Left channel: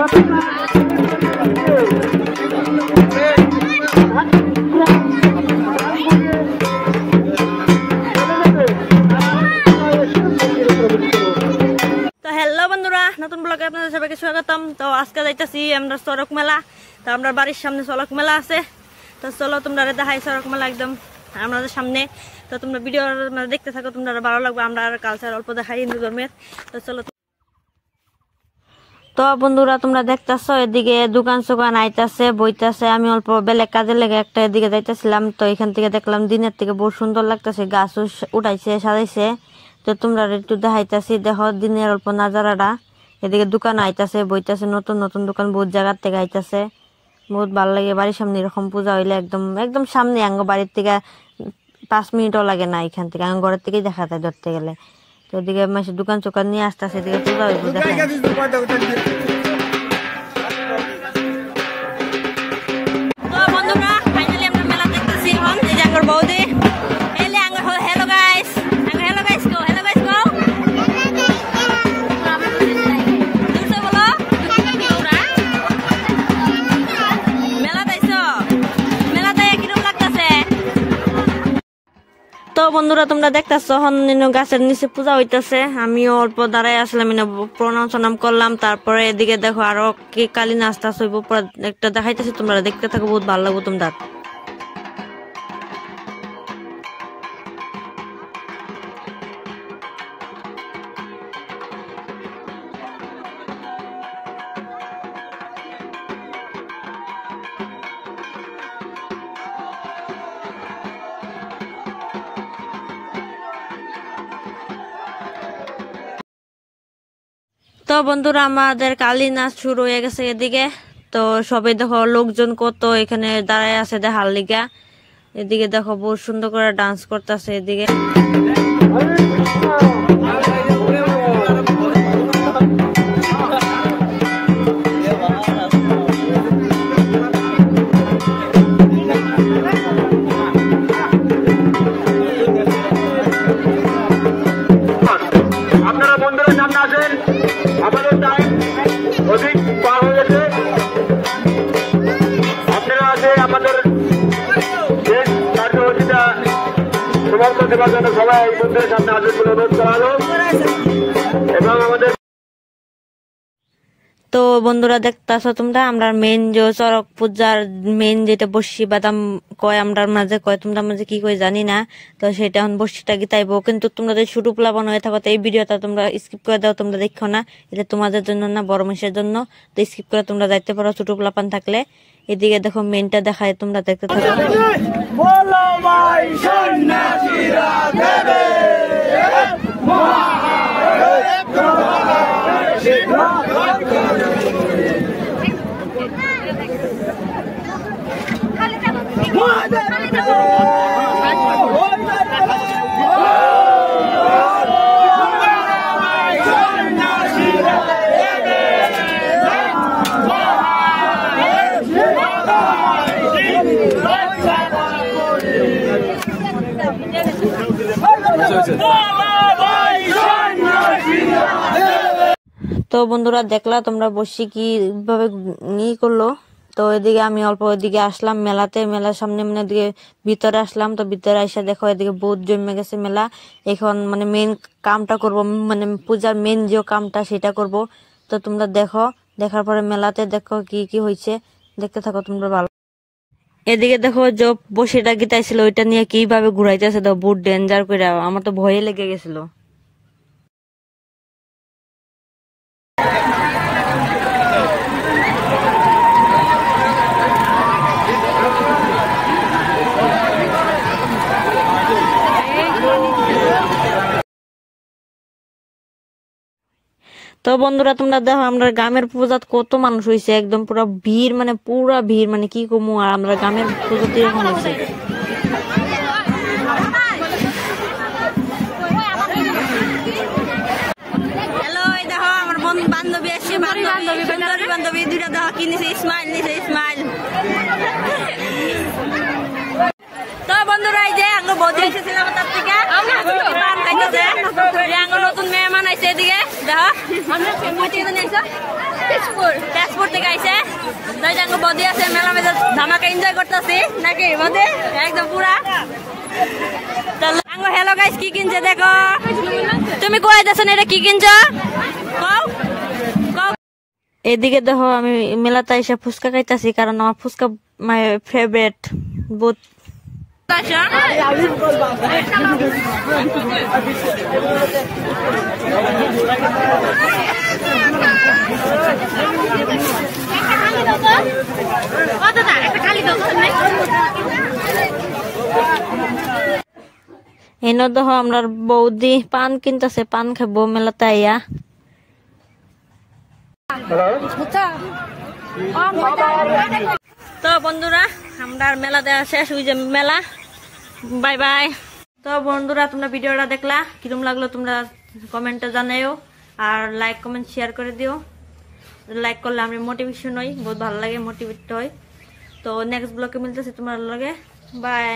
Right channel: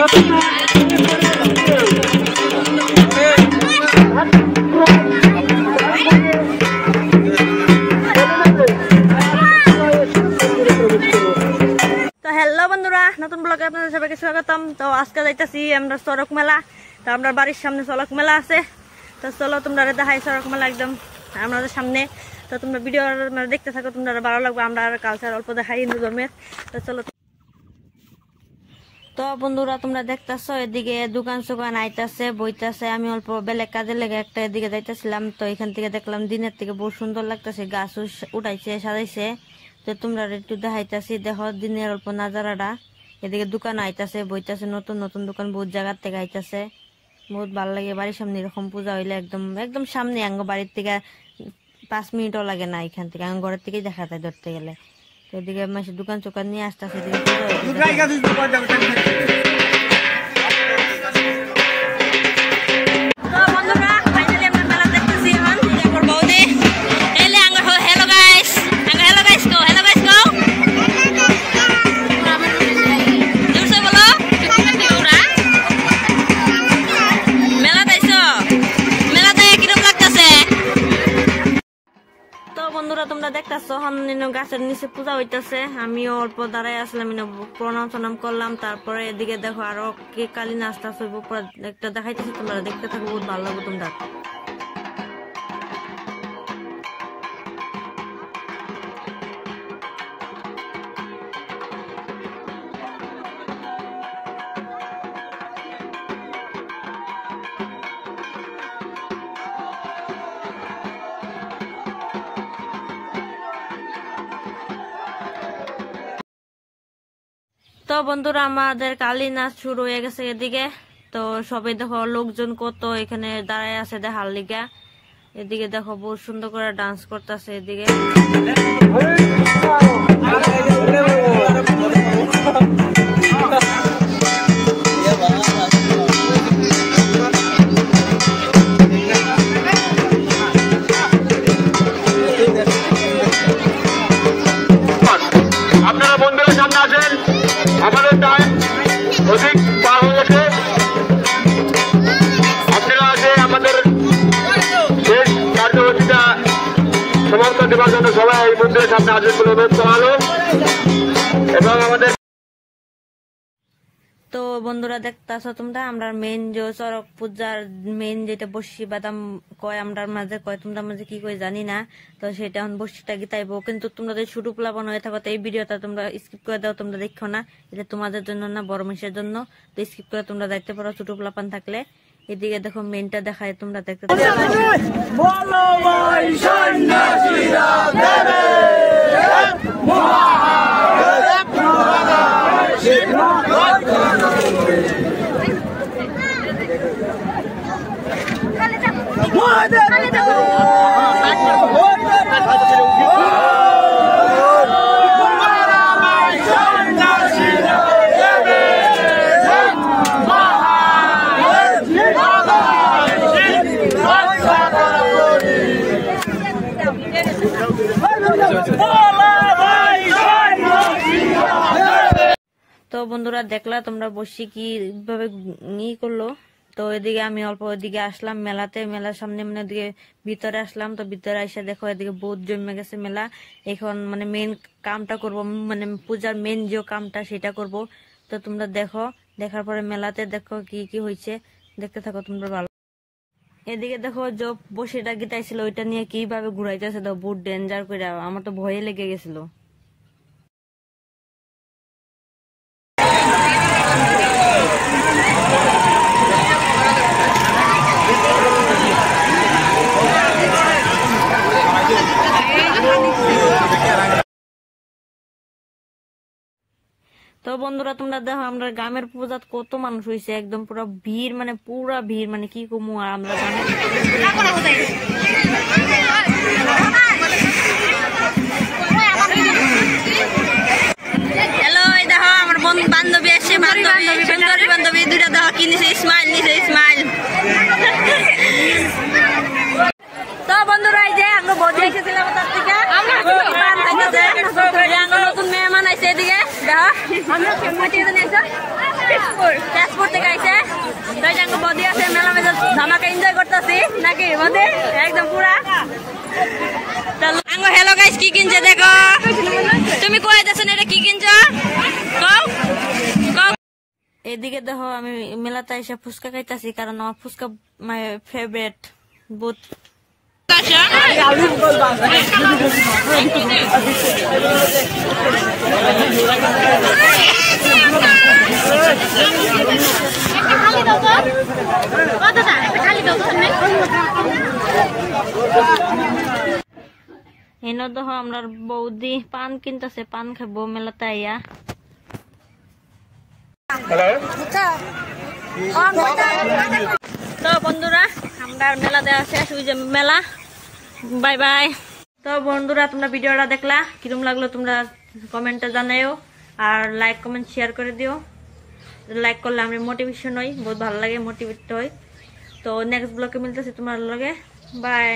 Hello বন্ধুরা, নতুন ব্লগে আপনাদের সবাইকে স্বাগতম। তো আজকে যাইতেছি আমরা চড়ক মেলা। তো আমরা বাড়ির সামনে চড়ক মেলা আছে। তো চলো তোমরা দেখাই চড়ক মেলা একদম আমাদের সামনে। তো তোমরা ভিডিও দেখতে থাকো, তোমরা ভালো লাগবে। আমরা কালচার অল্প দেখাই হিন্দু ধর্মের। তো চলো। তো বন্ধুরা তোমরা দেখতেছো এদিকে দোকান সোকান আইতাছে, বইতাছে। আমি অল্প বেলেগ কাজে লেগে একটা এদিকে যাইতেছিলাম। তো এখান থেকে দেখলাম দিনের থেকে বহু সুন্দর লাগতেছে, গাছ উঠাইছে সাজাইছে। তো তোমরা একটু দেখাইতাছি, দেখো দিনের অল্প নাজারাটা। এদিকে দোকান আইতাছে, বইতাছে, নতুন নতুন দোকান বহুত জায়গার থেকে আইতাছে। বহুত ভালো লাগে। বাড়ির সামনে এরকম পূজা হইলে একদম একদম সামনে, আঙ্গ বাড়ির থেকে 5 মিনিটও লাগে না। এখান থেকে আঙ্গ ঘরের থেকেই দেখা যায় ধরতে গেলে। তো এদিকে মাসে দোকান চোকান নিয়ে আসতেছে, এদিকে পূজা হইতে বন্ধুরা তোমরা দেখতেছো গাছের নিচে পূজা হইতেছে। আমিও অল্প দাঁড়াই আসলাম, প্রণাম করলাম। তারপরে এদিকে দেখো আরো কি কালী নাস্তা হইব, একটা দেখাইতেছি, তোমরা দেখতে থাকো, বহুত ভালো লাগবে তোমরা। তো বন্ধুরা আমাদের কালী নাচ শুরু হয়ে গেছে এদিকে। তো সবাই দেখো লোকজন কত এখানে দাঁড়ায় আছে দেখার লিগা। এদিকে দেখো বহুত সুন্দর করে ডান্স করতেছে এদিকে। আপনারা বন্ধুরা সামনে আসেন, আমাদের টাইম অধিক পার হয়ে গেছে। আপনারা আছে আমাদের শেষ কার্যসূচিটা সমাপ্ত দেওয়ার জন্য সবাই এই মন্দিরের সামনে আসেন বলে অনুরোধ করা হলো। এবং আমাদের তো বন্ধুরা দেখতেছো তোমরা, আমরা মেন যে চড়ক পূজার মেন যেটা বর্ষি বাদাম কয়, আমরা মাঝে কয়, তোমরা মাঝে কি কয় জানি না। তো সেটা এখন বর্ষিটা গীতাইবো। কিন্তু তোমরা যদি ছোট প্লাবন হয়ে থাকো, তো এই ভিডিওটা তোমরা স্কিপ করে দাও, তোমরা দেখো না, এটা তোমাদের জন্য না, বড় মানুষের জন্য। তো স্কিপ করে তোমরা যাইতে পারো ছোট প্লাপান থাকলে। এদিকে দেখো মেনটা দেখায়, তোমরা দেখতে থাকো। তো বন্ধুরা দেখলা তোমরা বসে কিভাবে করলো। তো এদিকে আমি অল্প ওইদিকে আসলাম মেলাতে, মেলার সামনে মানে এদিকে ভিতরে আসলাম। তো ভিতরে এসে দেখো এদিকে বহুত জমে গেছে মেলা। এখন মানে মেন কামটা করব, মানে পূজার মেন যে কামটা সেটা করব। তো তোমরা দেখো, দেখার পরে মেলাতে দেখো কি কি হয়েছে, দেখতে থাকো তোমরা ভালো। এদিকে দেখো যে বসিটা গীতাইছিল ওইটা নিয়ে কিভাবে ঘুরাইতেছে, তো বহুত ডেঞ্জার করে, আমার তো ভয়ে লেগে গেছিল। তো বন্ধুরা তোমরা দেখো আমরা গ্রামের পূজাত কত মানুষ হয়েছে, একদম পুরো ভিড়, মানে পুরা ভিড়, মানে কি কমু। আর আমরা গ্রামের হ্যালো, দেখো আমার বান্ধবী আসছে, বান্ধবী সুন্দরী বান্ধবী দুইটা দেখো কি নিছে, স্মাইল নিছে, স্মাইল। তো বন্ধুরা এই যে আমরা বৌদি এসেছিলাম তার থেকে নতুন মেহমান আইছে এদিকে দেখো। তেজপুর থেকে আইছে তাই জাঙ্গ বডি আছে মেলা মেলা ধামাকা এনজয় করতেছি নাকি বদে একদম পুরা আঙ্গ হ্যালো গাইস কি কিনছে দেখো তুমি কই যাচ্ছ না এটা কি কিনছো কও কও এদিকে দেখো আমি মেলাতে এসে ফুচকা খাইতাছি কারণ আমার ফুচকা মাই ফেভারিট বহুত এনে দেখো আমরা বৌদি পান কিনতেছে পান খাবো মেলাতে আইয়া তো বন্ধুরা আমরা মেলা দেখা শেষ ওই যে মেলা বাই বাই তো বন্ধুরা তোমরা ভিডিওটা দেখলা কিরকম লাগলো তোমরা কমেন্টে জানাইও আর লাইক কমেন্ট শেয়ার করে দিও লাইক করলে আমি মোটিভেশন হই বহুত ভালো লাগে মোটিভেট হই তো নেক্সট ব্লগে মিলতেছি তোমার লগে বাই